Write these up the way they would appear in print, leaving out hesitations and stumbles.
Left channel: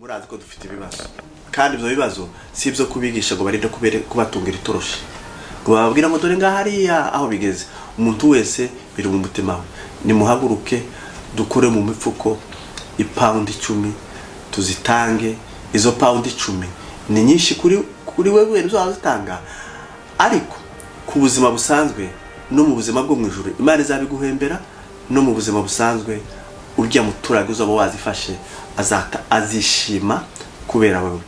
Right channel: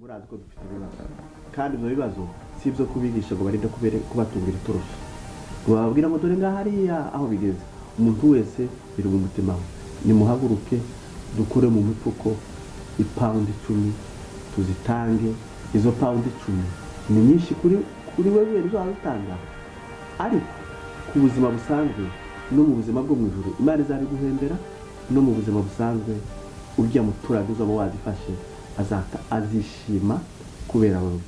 murazi ko dufite ibibazo kandi ibyo bibazo si ibyo kubigisha ngo barinde kubatungira itoroshi ngo bababwira ngo dore ngaha hariya aho bigeze. Umuntu wese biri mu mutima we, nimuhaguruke dukure mu mifuko ipaundi 10 tuzitange. Izo paundi 10 ni nyinshi kuri wewe uzazitanga, ariko ku buzima busanzwe no mu buzima bwo mu ijuru Imana izabiguhembera. No mu buzima busanzwe urya muturage uzaba wazifashe azishima kubera wewe.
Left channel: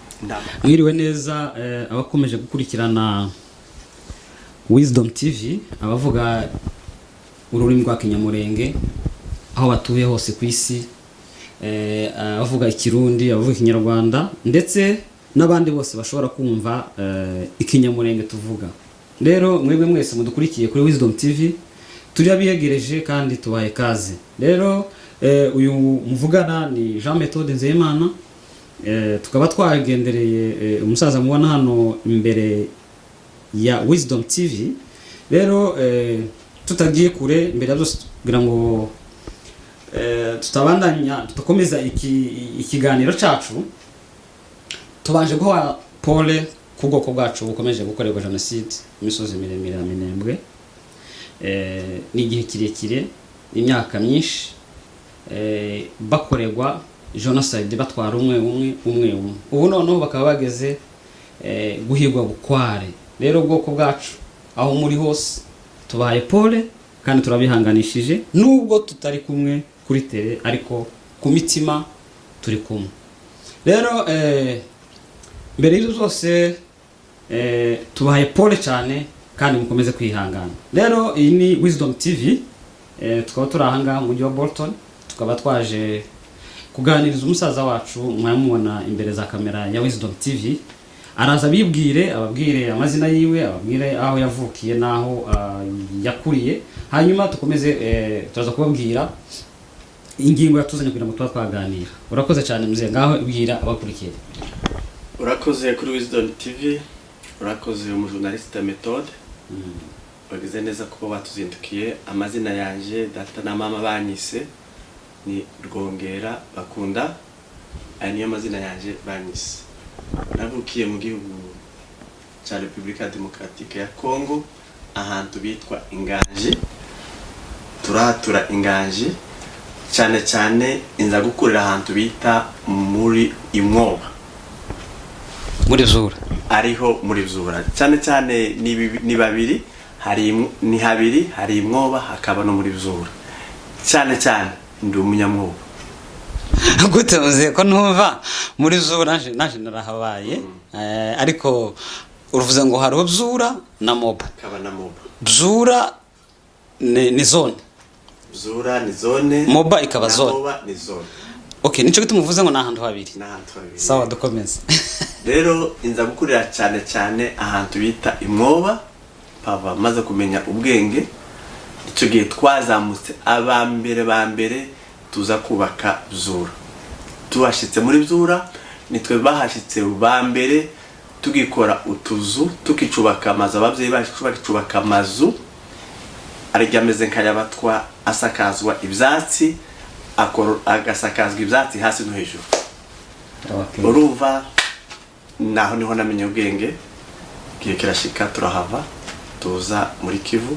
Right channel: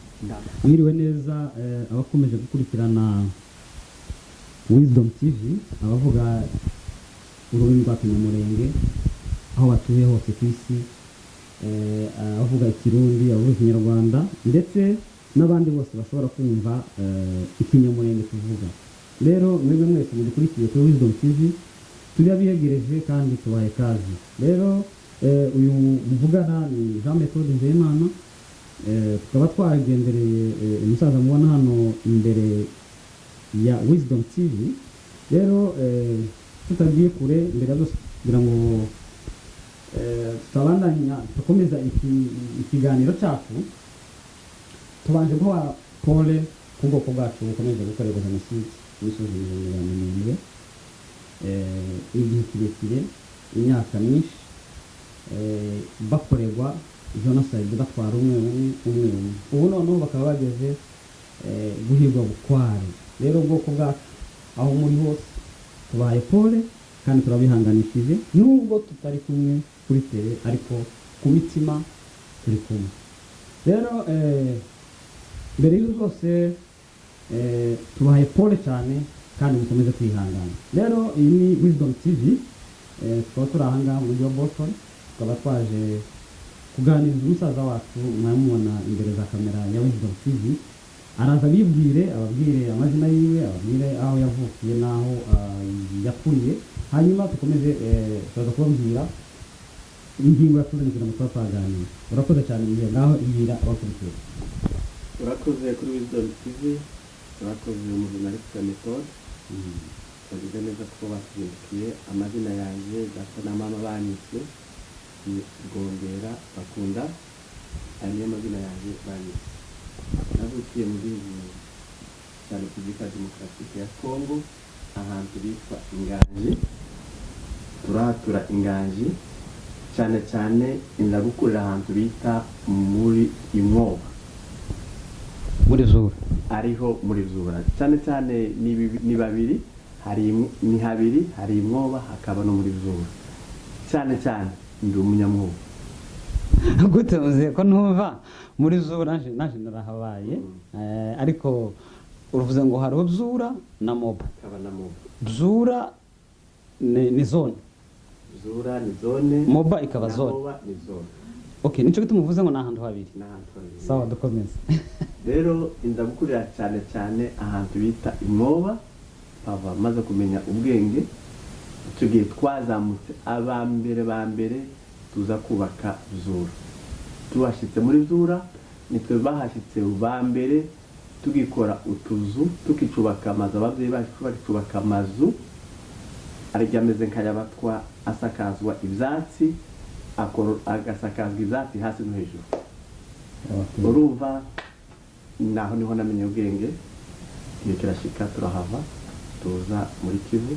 Mwiriwe neza abakomeje gukurikirana Wisdom TV, abavuga ururimi rwa Kinyamurenge aho batuye hose ku isi, abavuga Ikirundi, abavuga Ikinyarwanda, ndetse n'abandi bose bashobora kumva Ikinyamurenge tuvuga. Rero mwebwe mwese mudukurikiye kuri Wisdom TV, turi abiyegereje kandi tubaye kaze. Rero uyu muvugana ni Jean Methode Nzeyimana, tukaba twagendereye umusaza mubona hano imbere ya Wisdom TV. Rero tutagiye kure mbere byose kugira ngo tutakomeza ikiganiro cyacu, tubanje guha Paul ku bwoko bwacu bukomeje gukorerwa jenoside imisozi miremire ya Minembwe. Ni igihe kirekire, imyaka myinshi bakorerwa genocide, batwara umwe. Ubu noneho bakaba bageze guhigwa bukware. Rero ubwoko bwacu aho muri hose tubaye Paul kandi turabihanganishije, nubwo tutari kumwe kuri tele ariko ku mitima turi kumwe. Rero mbere y'ibyo zose tubaye Paul cyane kandi mukomeze kwihangana. Rero iyi ni Wisdom TV, tukaba turi aha mu mujyi wa Bolton, tukaba twaje kuganiriza umusaza wacu mwamubona imbere za kamera ya Wisdom TV. Araza ababwire amazina yiwe, ababwire aho yavukiye naho yakuriye, hanyuma tukomeze turaza kubabwira ingingo yatuzanye kugira ngo twaganira. Urakoze cyane muzee, ngaho bwira abakurikiye. Urakoze kuri Wisdom TV, urakoze umujournaliste Methode. Bagize neza kuba batuzindukiye. Amazina yanje data na mama banyise ni Rwongera Bakunda, aya niyo mazina yanje banyise. Navukiye mu gihugu cya Repubulika Demokaratike ya Kongo, ahantu bitwa Inganje. Turatura Inganje cyane inza gukurira ahantu bita muri Imwoba, muri Zura. Ariho muri Zura cyane ni babiri, ni habiri, hari Imwoba hakaba no muri Zura. Cyane ndi umunyamwoba. Gute muze ko numva muri Zura naje narahabaye, ariko uruvuze ngo hari Zura na Moba. Kaba na Moba. Zura ni zone. Zura ni zone, Moba ikaba zone. Moba ni zone. Okay, nico gitumuvuze ngo nahantu habiri. Nahantu habiri. Sawa, dukomeze. Rero inza gukurira cyane ahantu bita Imwoba. Pava maze kumenya ubwenge, icyo gihe twazamutse abambere tuza kubaka Zura. Tuhashitse muri Zura nitwe bahashitse bambere, tugikora utuzu, tukicubaka amazu. Abavyeyi bacu bakicubaka amazu arigameze nkayabatwa, asakazwa ibyatsi, agasakazwa ibyatsi hasi no hejuru. Okay. Urumva naho niho namenye ubwenge. Kiye kirashika turahava tuza muri Kivu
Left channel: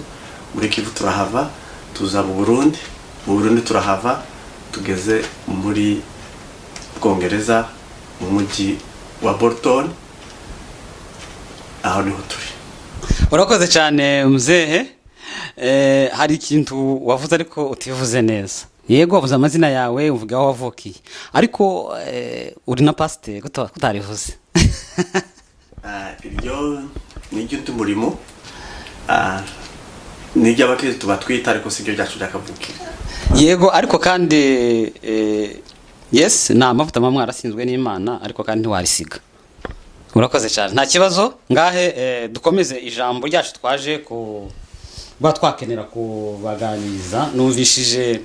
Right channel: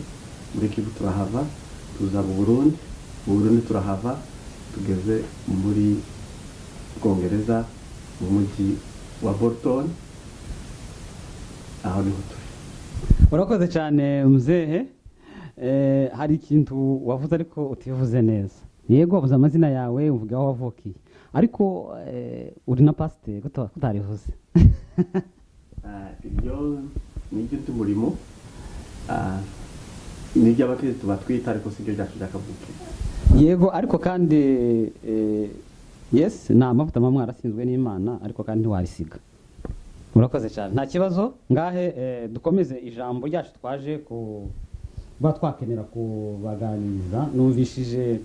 turahava tuza mu Burundi turahava tugeze muri Bwongereza mu mujyi wa Bolton, aho niho turi. Urakoze cyane muzehe. Hari ikintu wavuze ariko utivuze neza. Yego wavuze amazina yawe, uvuga aho wavukiye, ariko uri na pasteur kutarivuze. Ibyo ni igihe umurimo nijya abakristo batwita, ariko sibyo byacu byakavukira. Yego, ariko kandi yes, na amavuta mamwe arasinzwe n'Imana, ariko kandi ntiwarisiga. Urakoze cyane, nta kibazo. Ngahe dukomeze ijambo ryacu twaje twakenera kubaganiriza. Numvishije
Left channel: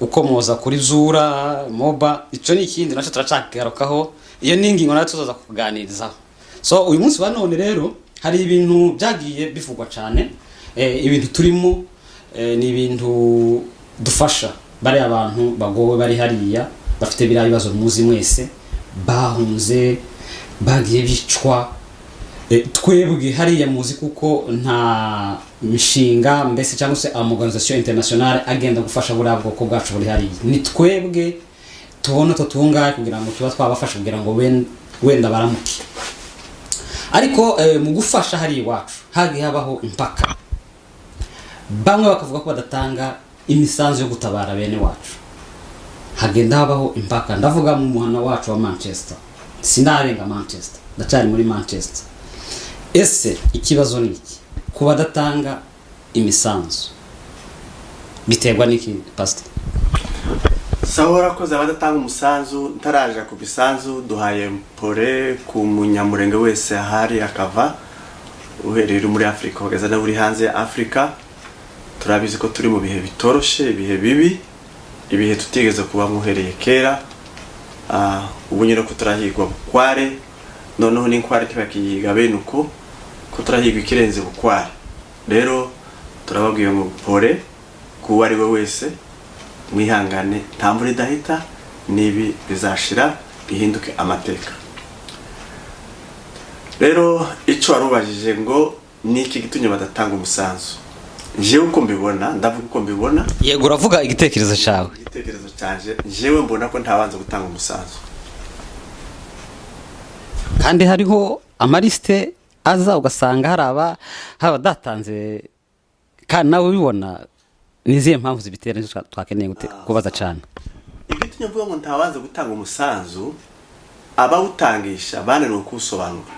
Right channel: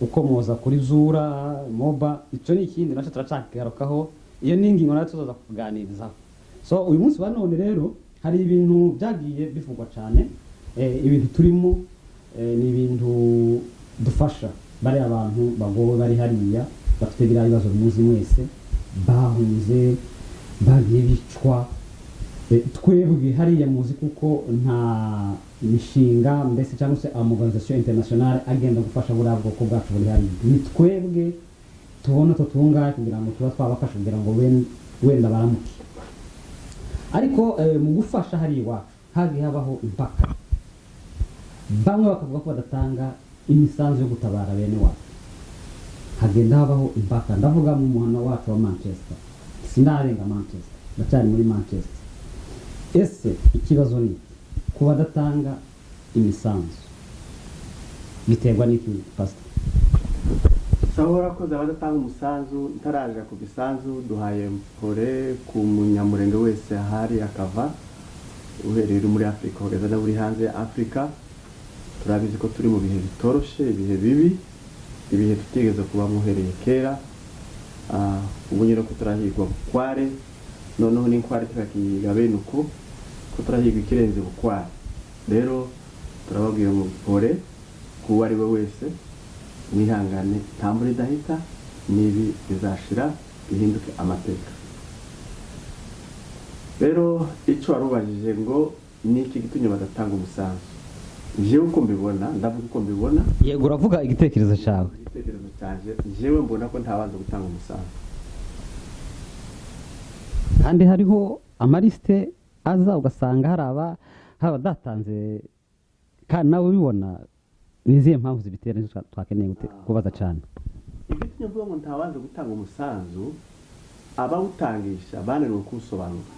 ukomoza kuri Zura, Moba, icyo ni ikindi nacyo turacagarukaho. Iyo ni ingingo nayo tuzaza kuganirizaho. So uyu munsi wa none rero hari ibintu byagiye bivugwa cyane, ibintu turimo ni ibintu dufasha bari abantu bagowe bari hariya bafite biriya bibazo muzi mwese bahunze bagiye bicwa. Twebwe hariya muzi kuko nta mishinga mbese cyangwa se organisation internationale agenda gufasha buriya bwoko bwacu buri hariya. Ni twebwe tubona tutungaye kugira ngo tuba twabafasha kugira ngo wenda baramuke. Ariko mu gufasha hari iwacu hagiye habaho impaka, bamwe bakavuga ko badatanga imisanzu yo gutabara bene wacu, hagenda habaho impaka. Ndavuga mu muhana wacu wa Manchester, sinarenga Manchester, ndacyari muri Manchester. Ese ikibazo ni iki ku badatanga imisanzu biterwa n'iki pastor? Sahora ko zabadatanga umusanzu ntaraje ku bisanzu duhaye pole ku munyamurenge wese ahari akava uhereye muri Afrika kugeza na buri hanze ya Afrika. Turabizi ko turi mu bihe bitoroshe, ibihe bibi, ibihe tutigeze kuba muhereye kera. Ubu nyine ko turahigwa bukware, noneho n'inkware tibakiyiga bene uko ko turahigwa ikirenze bukware. Rero turababwiye ngo pole ku wari we wese, mwihangane nta mvura idahita, nibi bizashira bihinduke amateka. Rero ico warubajije ngo niki gitunye badatanga umusanzu, jewe uko mbibona, ndavuga uko mbibona. Yego, uravuga igitekerezo cyawe. Igitekerezo canje jewe mbona ko ntabanza gutanga umusanzu, kandi hariho amaliste aza ugasanga hari abadatanze, kandi nawe ubibona. Niziye mpamvu zibitera nizo twakeneye kubaza cyane. Igitunye mvuga ngo ntabanza gutanga umusanzu, abawutangisha bananiwe kuwusobanura.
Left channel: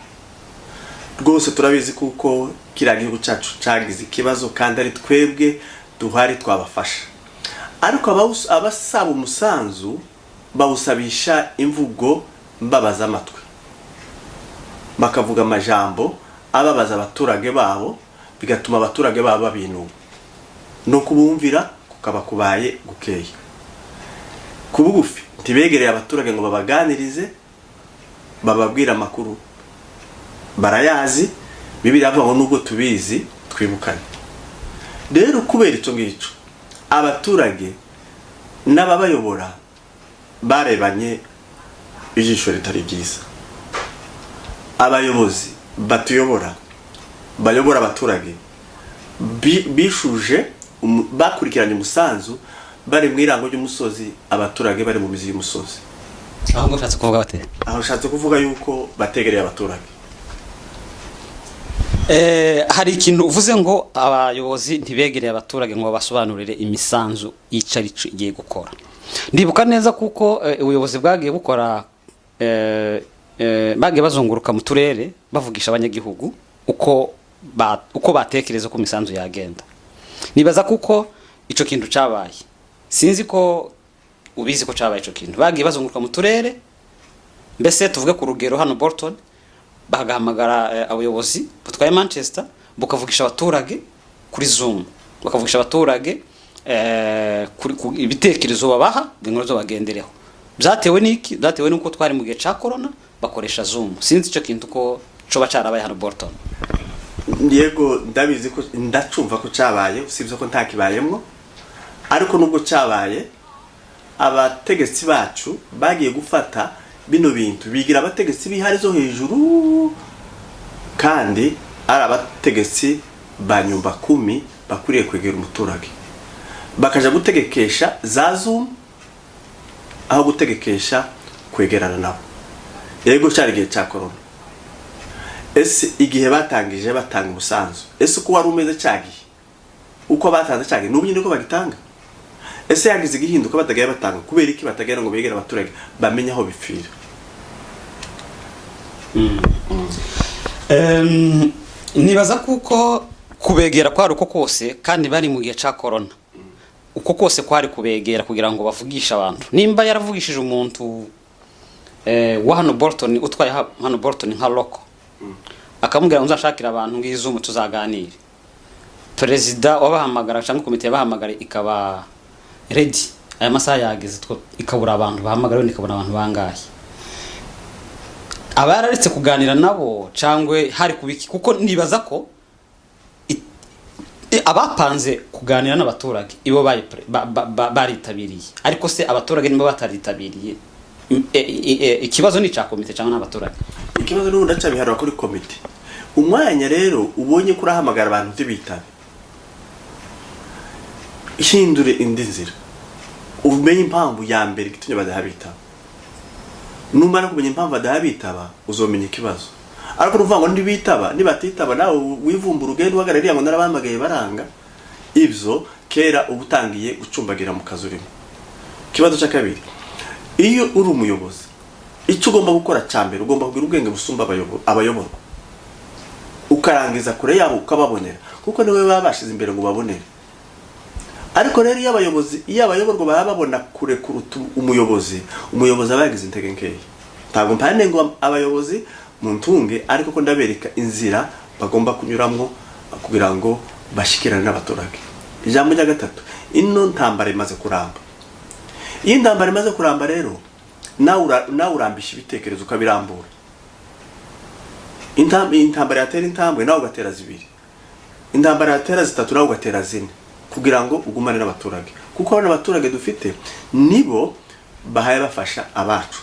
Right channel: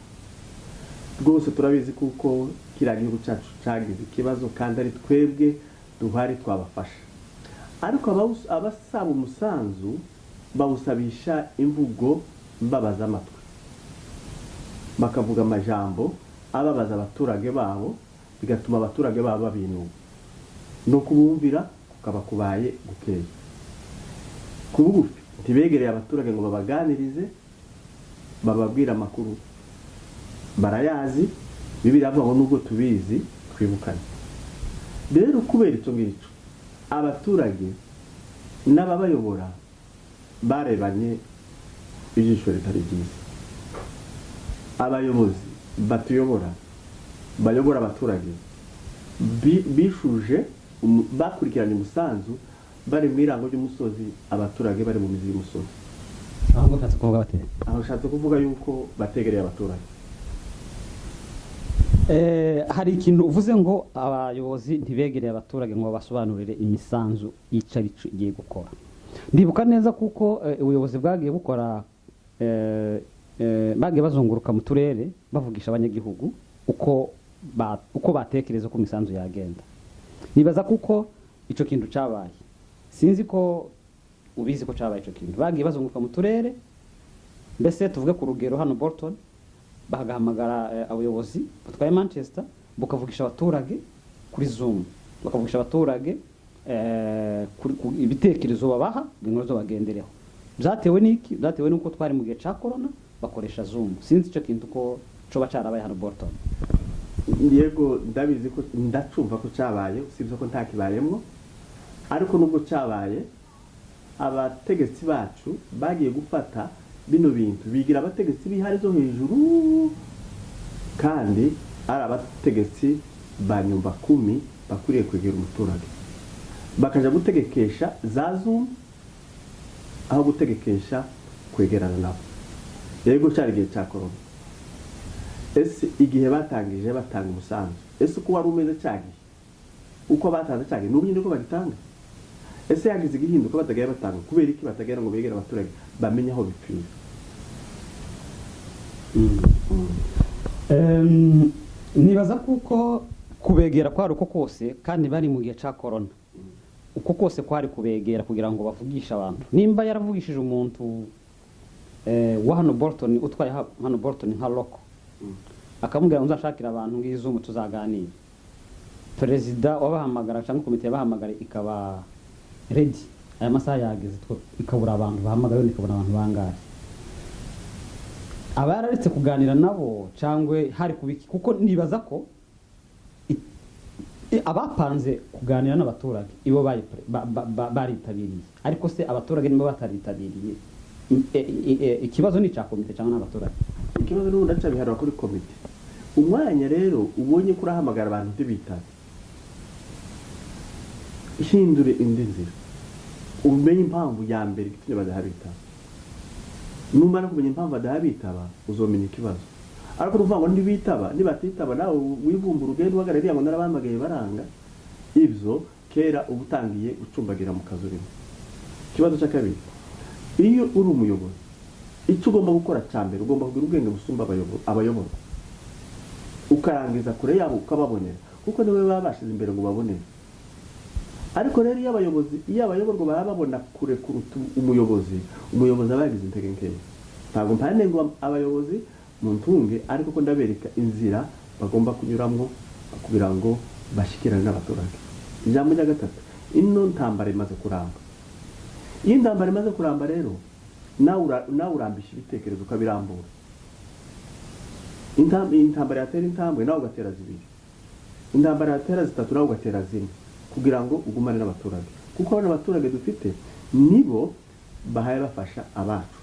Rwose turabizi kuko kiriya gihugu cyacu cyagize ikibazo kandi ari twebwe duhari twabafasha. Ariko abasaba umusanzu bawusabisha imvugo mbabaza amatwi, bakavuga amajambo ababaza abaturage babo, bigatuma abaturage babo babinuba no kubumvira kukaba kubaye gukeye. Kubugufi ntibegereye abaturage ngo babaganirize, bababwira amakuru barayazi, Bibiliya avuga ngo nubwo tubizi twibukane. Rero kubera icyo ngicyo abaturage n'ababayobora barebanye ijisho ritari byiza. Abayobozi batuyobora bayobora abaturage bishuje bakurikiranye umusanzu bari mu irango ry'umusozi, abaturage bari mu mizi y'umusozi. Aho ngo ushatse kuvuga bate? Aho ushatse kuvuga yuko bategereye abaturage. Hari ikintu uvuze ngo abayobozi ntibegereye abaturage ngo basobanurire imisanzu y'icari igiye gukora. Ndibuka neza kuko ubuyobozi bwagiye bukora bagiye bazunguruka mu turere bavugisha abanyagihugu uko batekereza ko imisanzu yagenda. Nibaza kuko ico kintu cabaye, sinzi ko ubizi ko cabaye ico kintu. Bagiye bazunguruka mu turere, mbese tuvuge ku rugero hano Bolton, bagahamagara abayobozi butwaye Manchester bukavugisha abaturage kuri Zoom, bakavugisha abaturage kuri ibitekerezo babaha ngo zo bagendereho. Byatewe n'iki? Byatewe n'uko twari mu gihe ca corona bakoresha Zoom. Sinzi ico kintu ko coba carabaye hano Bolton. Yego, ndabizi ko ndacumva ko cabaye, usibye ko ntakibayemwo. Ariko nubwo cabaye, abategetsi bacu bagiye gufata bino bintu bigira abategetsi bihari zo hejuru, kandi ari abategetsi ba nyumba 10 bakuriye kwegera umuturage, bakaja gutegekesha za Zoom aho gutegekesha kwegerana nabo. Yego, cyari gihe cya corona. Ese igihe batangije batanga umusanzu, ese ko wari umeze cyagiye uko batanze cyagiye n'ubu nyine ko bagitanga? Ese yagize igihinduka batagaye batanga kubera iki batagera ngo begere abaturage bamenye aho bipfira? Nibaza kuko kubegera kwari uko kose, kandi bari mu gihe cya corona uko kose kwari kubegera kugira ngo bavugisha abantu. Nimba yaravugishije umuntu wa hano Bolton, utwaye hano Bolton nka loko, akamubwira ngo nzashakira abantu ngizo mu tuzaganire, perezida wabahamagara cyangwa komite yabahamagara ikaba ready, aya masaha yageze ikabura abantu bahamagara, ikabona abantu bangahe, abararetse kuganira nabo cyangwa hari kubiki. Kuko nibaza ko abapanze kuganira n'abaturage ibo baritabiriye, ariko se abaturage nibo bataritabiriye, ikibazo ni cya komite cyangwa n'abaturage? Ikibazo n'ubundi acabiharwa kuri komite. Umwanya rero ubonye kurahamagara abantu ntibitabe, hindure indi nzira, umenye impamvu ya mbere gitumye badahabitaba. Numara kumenya impamvu badahabitaba uzomenya ikibazo. Ariko nuvuga ngo ntibitaba, nibatitaba nawe wivumbura ugenda uhagarariye ngo narabamagaye baranga, ivyo kera ubutangiye gucumbagira mu kazi urimo. Kibazo cya kabiri, iyo uri umuyobozi icyo ugomba gukora cyambere ugomba kugira ubwenge busumba abayoborwa, ukarangiza kure yabo ukababonera, kuko niwe babashize imbere ngo babonere. Ariko rero iyo abayoborwa baba babona kure kuruta umuyobozi abagize intege nkeya. Ntabwo mpande ngo abayobozi muntunge, ariko ko ndabereka inzira bagomba kunyuramo kugira ngo bashikirane n'abaturage. Ijambo rya gatatu, ino ntambara imaze kuramba. Iyo intambara imaze kuramba rero nawe urambisha ibitekerezo ukabirambura. Intambara yatera intambwe nawe ugatera zibiri, intambara yatera zitatu nawe ugatera zine, kugira ngo ugumane n'abaturage, kuko abana abaturage dufite nibo bahaye bafasha abacu.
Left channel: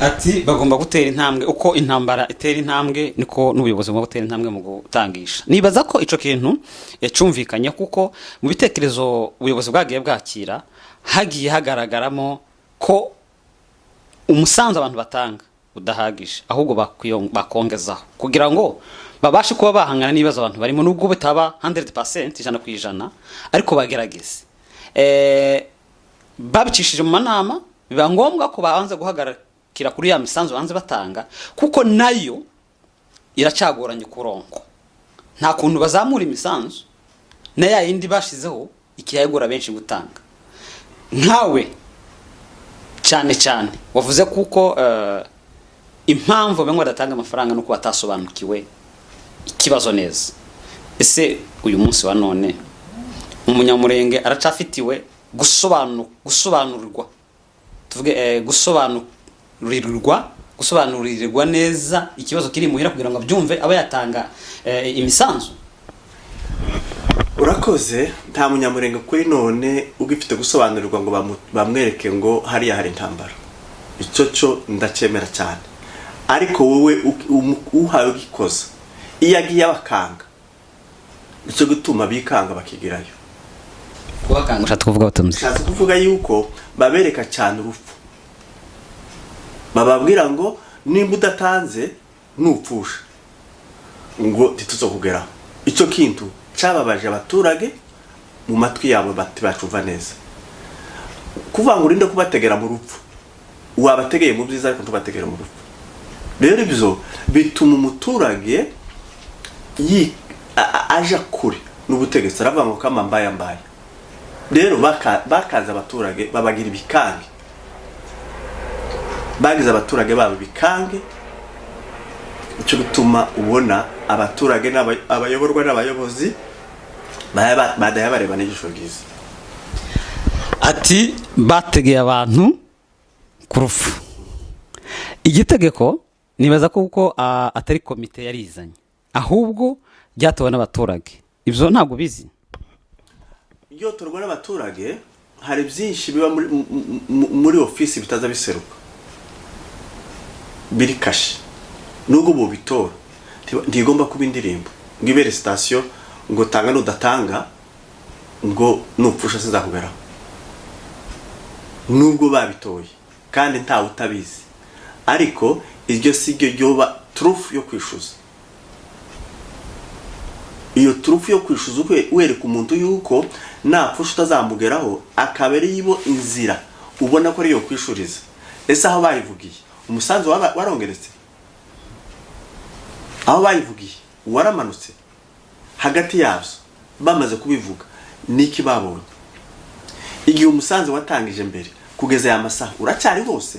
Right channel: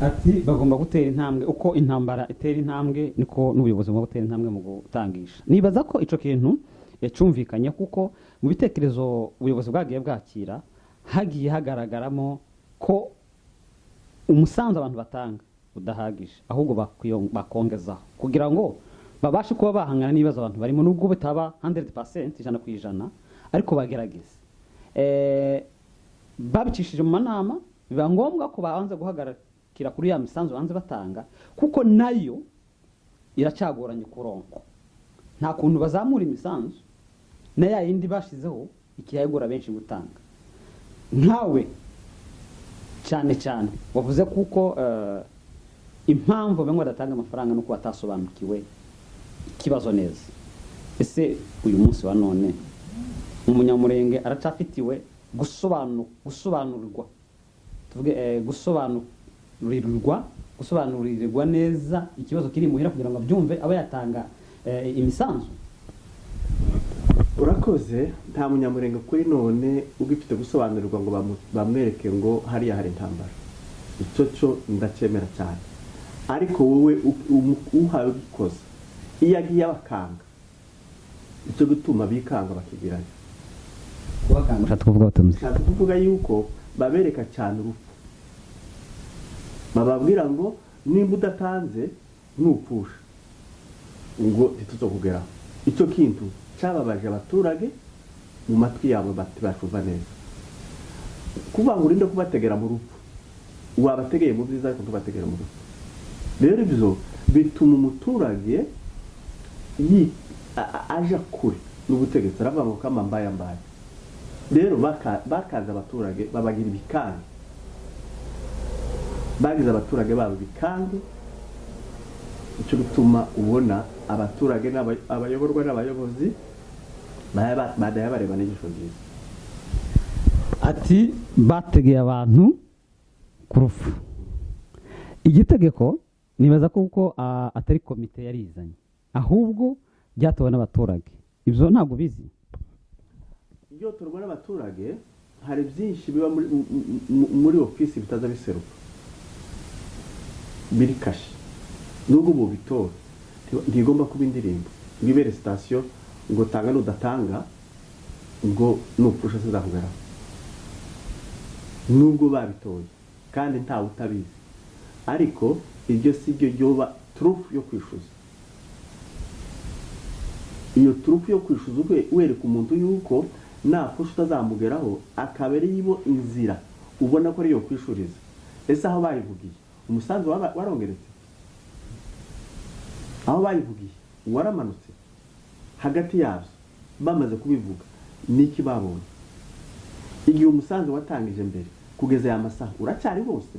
Ati bagomba gutera intambwe, uko intambara itera intambwe niko n'ubuyobozi bwo gutera intambwe mu gutangisha. Nibaza ko ico kintu yacumvikanye, kuko mu bitekerezo ubuyobozi bwagiye bwakira hagiye hagaragaramo ko umusanzu abantu batanga udahagije, ahubwo bakongezaho kugira ngo babashe kuba bahangana n'ibibazo abantu barimo, nubwo bitaba 100% ijana ku ijana, ariko bagerageze. Babicishije mu manama, biba ngombwa ko babanza guhagarikira kuri ya misanzu banze batanga, kuko nayo iracagoranye kuronko. Nta kuntu bazamura imisanzu na ya yindi bashizeho ikiyagura benshi gutanga. Nkawe cyane cyane wavuze kuko impamvu bamwe badatanga amafaranga nuko batasobanukiwe ikibazo neza. Ese uyu munsi wa none umunyamurenge aracafitiwe gusobanurirwa, tuvuge gusobanurirwa neza ikibazo kiri muhira kugira ngo abyumve aba yatanga imisanzu? Urakoze. Nta munyamurenge kuri none ugifite gusobanurirwa ngo bamwereke ngo hariya hari intambara. Icyo cyo ndacemera cyane, ariko wowe uhawe gikoza iyo agiye abakanga, icyo gutuma bikanga bakigirayo. Kubakanga ushatse kuvuga batumze? Ushatse kuvuga yuko babereka cyane urupfu, bababwira ngo nimba udatanze nupfusha ngo tituzokugeraho. Icyo kintu cyababaje abaturage mu matwi yabo bacumva neza. Kuvuga ngo urinde kubategera mu rupfu, wabategeye mu byiza ariko ntubategera mu rupfu. Rero ibyo bituma umuturage aja kure n'ubutegetsi, aravuga ngo kama mbaye. Rero bakaza abaturage babagira ibikange, bagize abaturage babo bikange. Icyo gutuma ubona abaturage n'abayoborwa n'abayobozi badaya bareba n'ijisho ryiza. Ati bategeye abantu ku rufu. Igitegeko nibaza ko kuko atari komite yarizanye, ahubwo byatowe n'abaturage. Ibyo ntabwo bizi. Iyo turwa n'abaturage hari byinshi biba muri ofisi bitaza biseruka, biri kashi. Nubwo bo bitora ntigomba kuba indirimbo ngo ibere station ngo tanga n'udatanga ngo nupfusha sizakugeraho. Nubwo babitoye kandi ntawe utabizi, ariko iryo sigyo ryoba trufu yo kwishuza. Iyo trufu yo kwishuza wereka umuntu yuko napfusha utazamugeraho, akabere yibo inzira ubona ko ari yo kwishuriza. Ese aho bayivugiye umusanzu warongeretse, aho bayivugiye waramanutse, hagati yabyo bamaze kubivuga niki babonye. Igihe umusanzu watangije mbere kugeza ya masaha uracyari hose,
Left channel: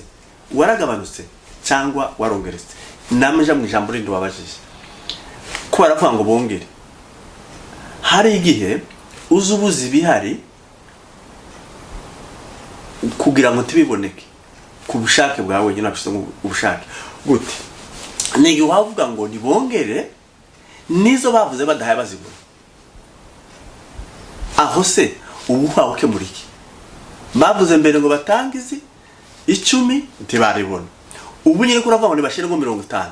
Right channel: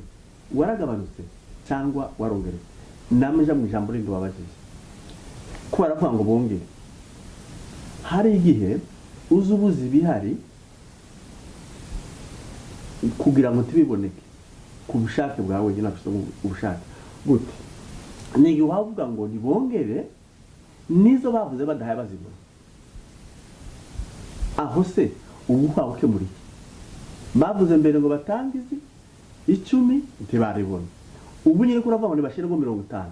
waragabanutse cyangwa warongeretse? Namaje mu ijambo rindi wabajije ko baravuga ngo bongere. Hari igihe uzubuzi bihari kugira ngo tibiboneke ku bushake bwawe nyine, nabishyize ubushake gute. Nigi wavuga ngo nibongere nizo bavuze badahaye bazibona aho se ubu hawe ke muri iki bavuze mbere ngo batange izi 10 ntibaribona ubu nyine kuravuga ngo nibashire ngo 50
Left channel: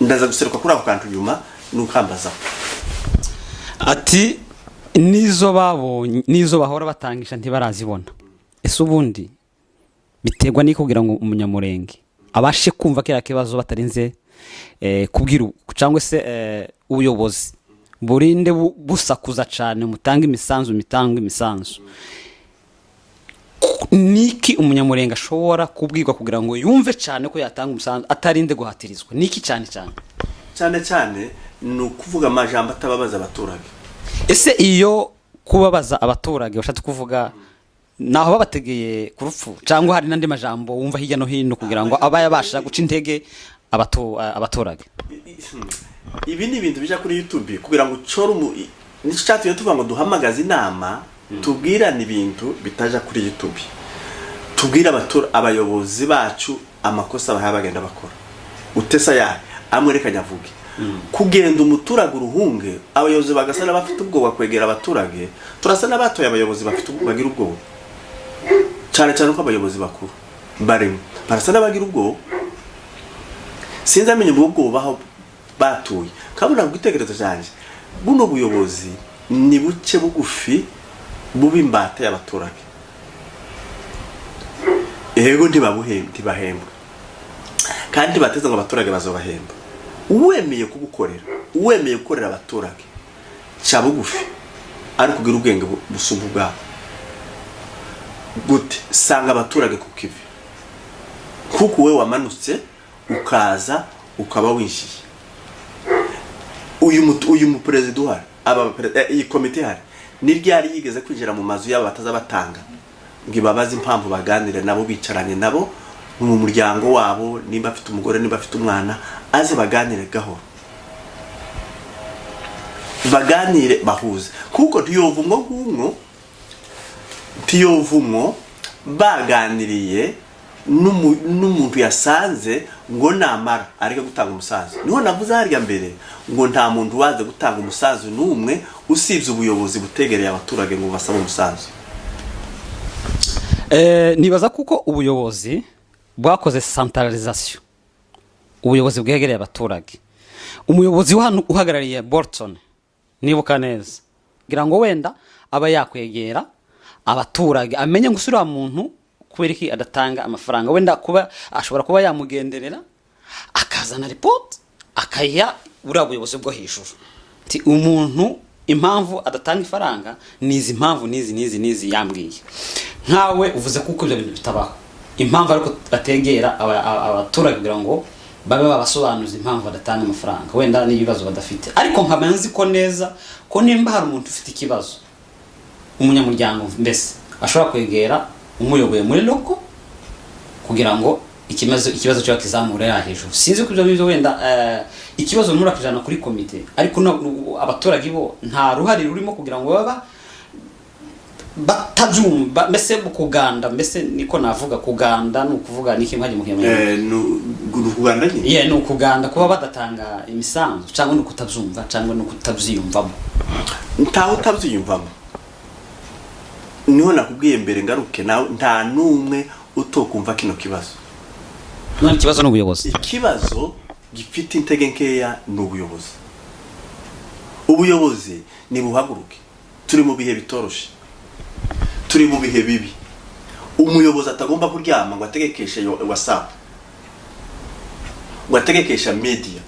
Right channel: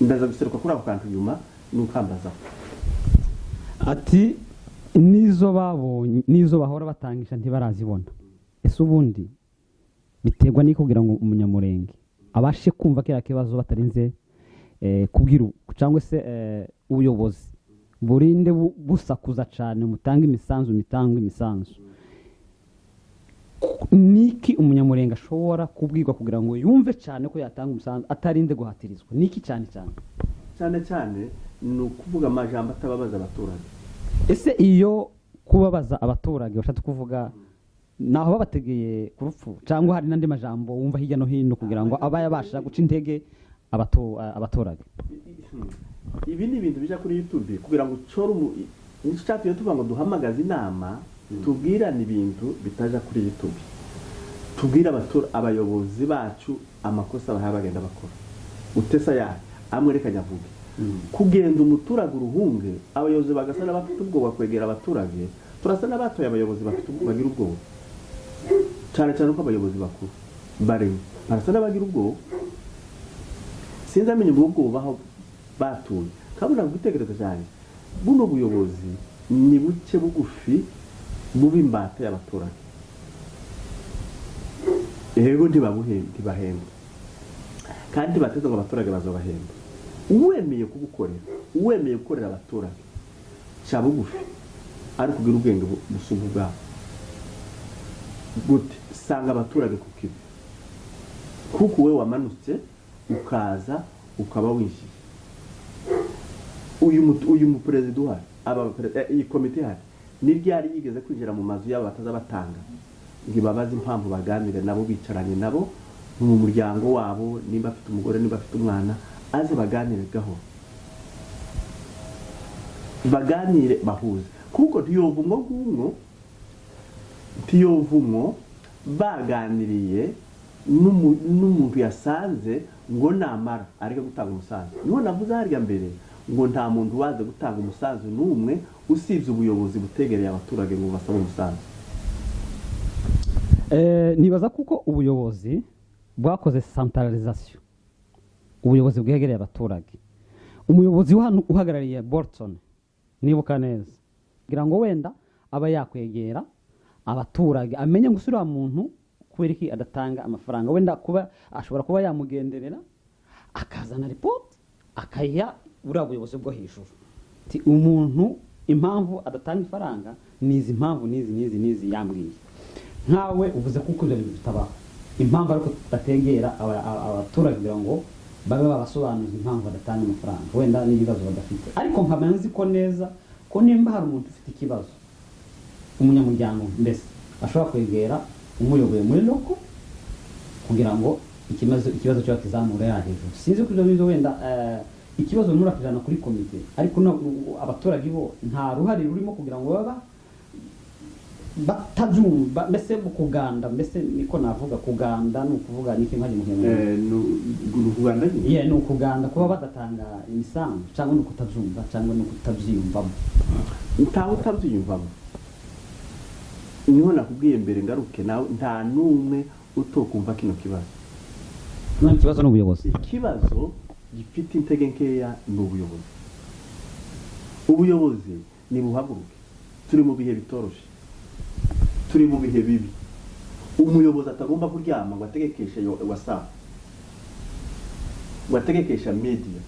ndaza guseruka kuri ako kantu nyuma nukambaza ati nizo babonye nizo bahora batangisha ntibarazibona ese ubundi biterwa n'iko kugira ngo umunyamurenge abashe kumva kira kibazo batarinze kubwira cyangwa se ubuyobozi burinde busakuza cyane mutanga imisanzu niki umunyamurenge ashobora kubwirwa kugira ngo yumve cyane ko yatanga umusanzu atarinde guhatirizwa niki cyane ni ukuvuga amajambo atababaza abaturage ese iyo kubabaza abaturage bashatse kuvuga naho babategeye ku rupfu cyangwa hari nandi majambo wumva hirya no hino kugira ngo abayabasha guca intege abaturage ibi ni ibintu bija kuri YouTube kugira ngo coro nico cyatuye tuvuga ngo duhamagaza inama tubwirana ibintu bitaja kuri YouTube tubwira abayobozi bacu amakosa bahaye bagenda bakora utesa ya amwerekanya avuge kugenda umuturage uruhunge abayobozi bagasana bafite ubwoba kwegera abaturage turasana batoye abayobozi bafite bagira ubwoba cyane ko abayobozi bakuru barimo barasana bagira ubwoba sinzi amenye ubwo baho batuye kabona gwitegerezo cyanje buno buyobozi ni buke bugufi bubimbata y'abaturage ego ntibahembwa kandi bateze ngo abaturage bazobahemba uwemeye kugukorera uwemeye gukorera abaturage cya bugufi ari kugira ubwenge busumbu bwabo gute sanga abaturage ku kivi kuko we wamanutse ukaza ukaba winjiye uyu mu president uhari iyi komite hari niryari yigeze kwinjira mu mazu yabo batazabatanga ngibabaza impamvu baganire nabo bicaranye nabo mu muryango wabo nimba afite umugore nimba afite umwana aze baganire gahoro baganire bahuze kuko tiyovumwo baganiriye n'umuntu yasanze ngo namara ariko gutanga umusanzu niho navuze harya mbere ngo nta muntu waze gutanga umusanzu n'umwe usibye ubuyobozi butegereye abaturage ngo basaba umusanzu nibaza kuko ubuyobozi bwakoze centralisation ubuyobozi bwegereye abaturage umuyobozi uhagarariye Bolton nibuka neza ngira ngo wenda aba yakwegera abaturage amenye ngo usura muntu kubera iki adatanga amafaranga wenda kuba ashobora kuba yamugenderera akazana report akaya urabuyobozi bwo hejuru ti umuntu impamvu adatanga ifaranga nizi impamvu nizi yambwiye nkawe uvuze kuko ibyo bintu bitabaho impamvu ariko bategera abaturage kugira ngo babe babasobanuza impamvu badatanga amafaranga wenda n'ibibazo badafite ariko nkamanzi ko neza ko nimba hari umuntu ufite ikibazo umunyamuryango mbese ashobora kwegera umuyoboye muri loko kugira ngo ikibazo cyo kizamura ya hejuru sinzi ko ibyo wenda ikibazo muri akijana kuri komite ariko abaturage bo nta ruhari rurimo kugira ngo baba batabyumva mbese kuganda mbese niko navuga kuganda nukuvuga niki mwaje muhema kuganda nyine nukuganda kuba badatanga imisanzu cyangwa nukutabyumva cyangwa nukutabyiyumvamo ntaho utabyiyumvamo niho nakubwiye mbere ngaruke nta numwe utokumva kino kibazo none kibazo n'ubuyobozi ikibazo gifite intege nkeya n'ubuyobozi ubuyobozi ni buhaguruke turi mu bihe bitoroshe turi mu bihe bibi umuyobozi atagomba kuryama ngo ategekeshe WhatsApp ngo ategekesha media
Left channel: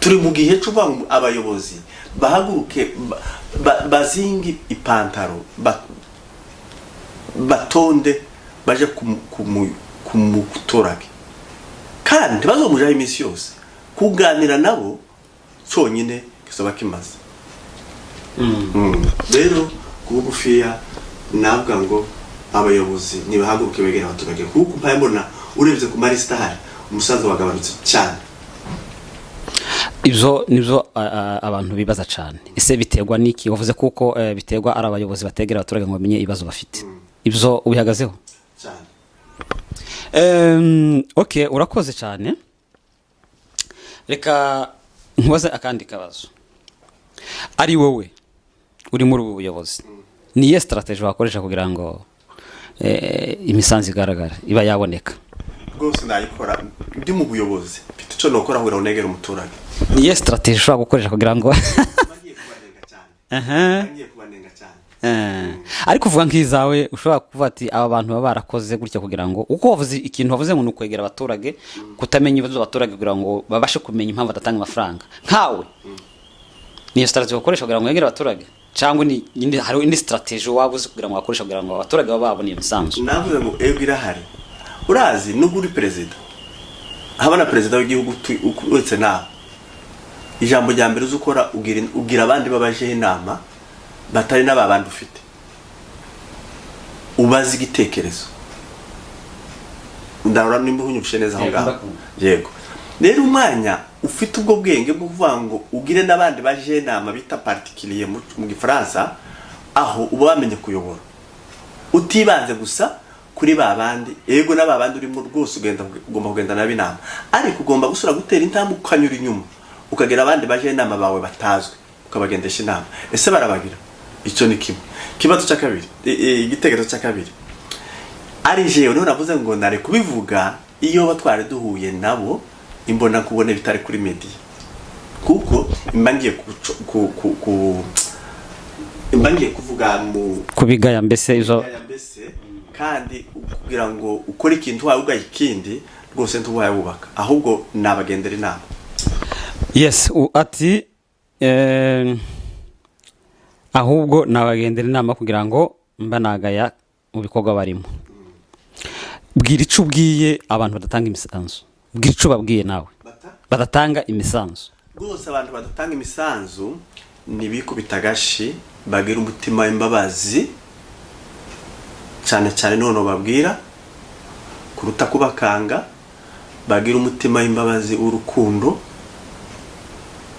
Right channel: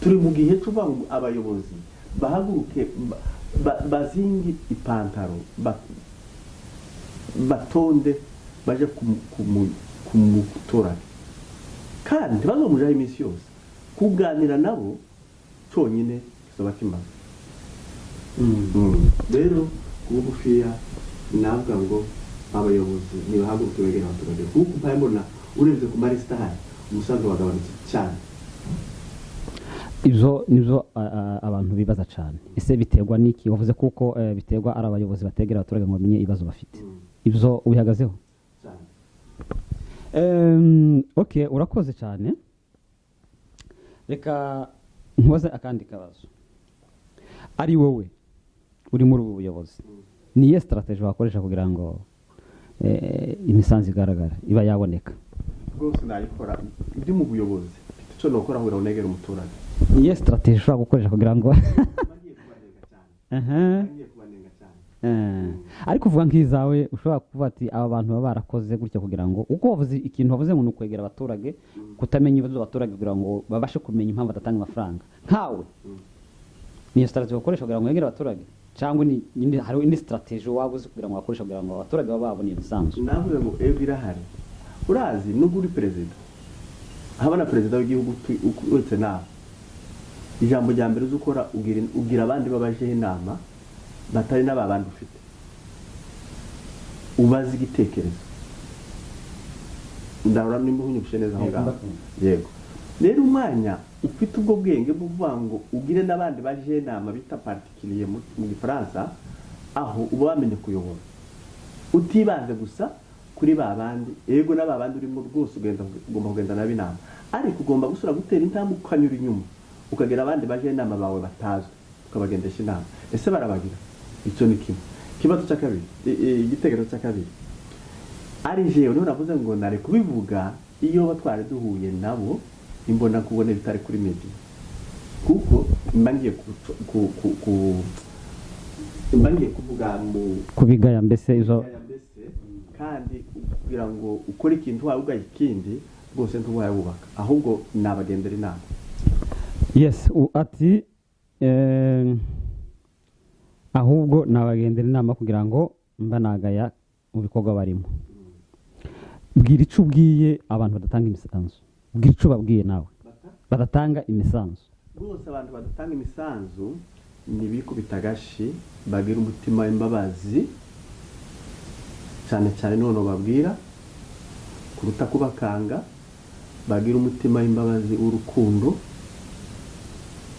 turi mu gihe cyo abayobozi bahaguruke bazingi ipantaro batonde baje kumuturage kandi bazomujaho iminsi yose kuganira nabo cyonyine kisoba kimaze rero kubugufiya navuga ngo abayobozi nibahaguruke begera abaturage kuko mpayembona urebye ku marisita hari umusanzu wagabanutse cyane ibyo nibyo abantu bibaza cyane ese biterwa niki wavuze kuko biterwa ari abayobozi bategera abaturage ngo bamenye ibibazo bafite ibyo ubihagazeho cyane okay urakoze cyane reka nkoze akandi kabazo ari wowe uri muri ubu buyobozi niye strategy wakoresha kugira ngo imisanzu igaragara iba yaboneka rwose nayikora ndi mu buyobozi mfite icyo nokora kugira ngo negere umuturage niye strategy ushobora gukoresha kugira ngo bagiye kubanenga cyane bagiye kubanenga cyane ariko uvuga nk'izawe ushobora kuvuga ati aba bantu baba barakoze gutya kugira ngo uko wavuze ikintu wavuze ngo nukwegera abaturage kutamenya ibibazo abaturage kugira ngo babashe kumenya impamvu adatanga amafaranga nkawe niyo strategy wakoresha kugira ngo yegere abaturage cyangwa ni hari indi strategy wabuze kugira ngo wakoresha kugira ngo abaturage baba babone imisanzu navuze ngo ego irahari urazi nubwo uri perezida habana perezida w'igihugu wetse nawe ijambo rya mbere uzukora ugira abandi babajeho inama batari n'ababandi ufite ubazi igitekerezo ndabona nimba unyumvishe neza aho ngaho yego rero umwanya ufite ubwo bwenge bwo kuvuga ngo ugire n'abandi baje inama bita particulier mu gifaransa aho uba wamenye kuyobora utibanze gusa kuri babandi ego n'ababandi urimo rwose ugomba kugenda n'abinama ariko ugomba gusura gutera intambwe ukanyura inyuma ukagera abandi baje inama bawe batazwe ukabagendesha inama ese barabagira icyo ni kimwe kibazo cya kabiri igitekerezo cya kabiri ari jewe niho navuze ngo nare kubivuga iyo batware duhuye nabo imbona kubone bitari kuri media kuko imbangiye kuvuga mu kubigaya mbese izo kandi kugira ngo ukore ikintu wawe ugaye ikindi rwose ntuwaye wubaka ahubwo nabagendera inama yes ati ahubwo nabagendera inama kugira ngo mba nagaya mu bikorwa barimo bwira ico ubwiye abantu badatanga imisanzu bwira ico babwiye nawe badatanga imisanzu rwose abantu badatanga imisanzu nibikubita gashi bagira umutima w'imbabazi cyane cyane none babwira kuruta kubakanga bagira umutima w'imbabazi urukundo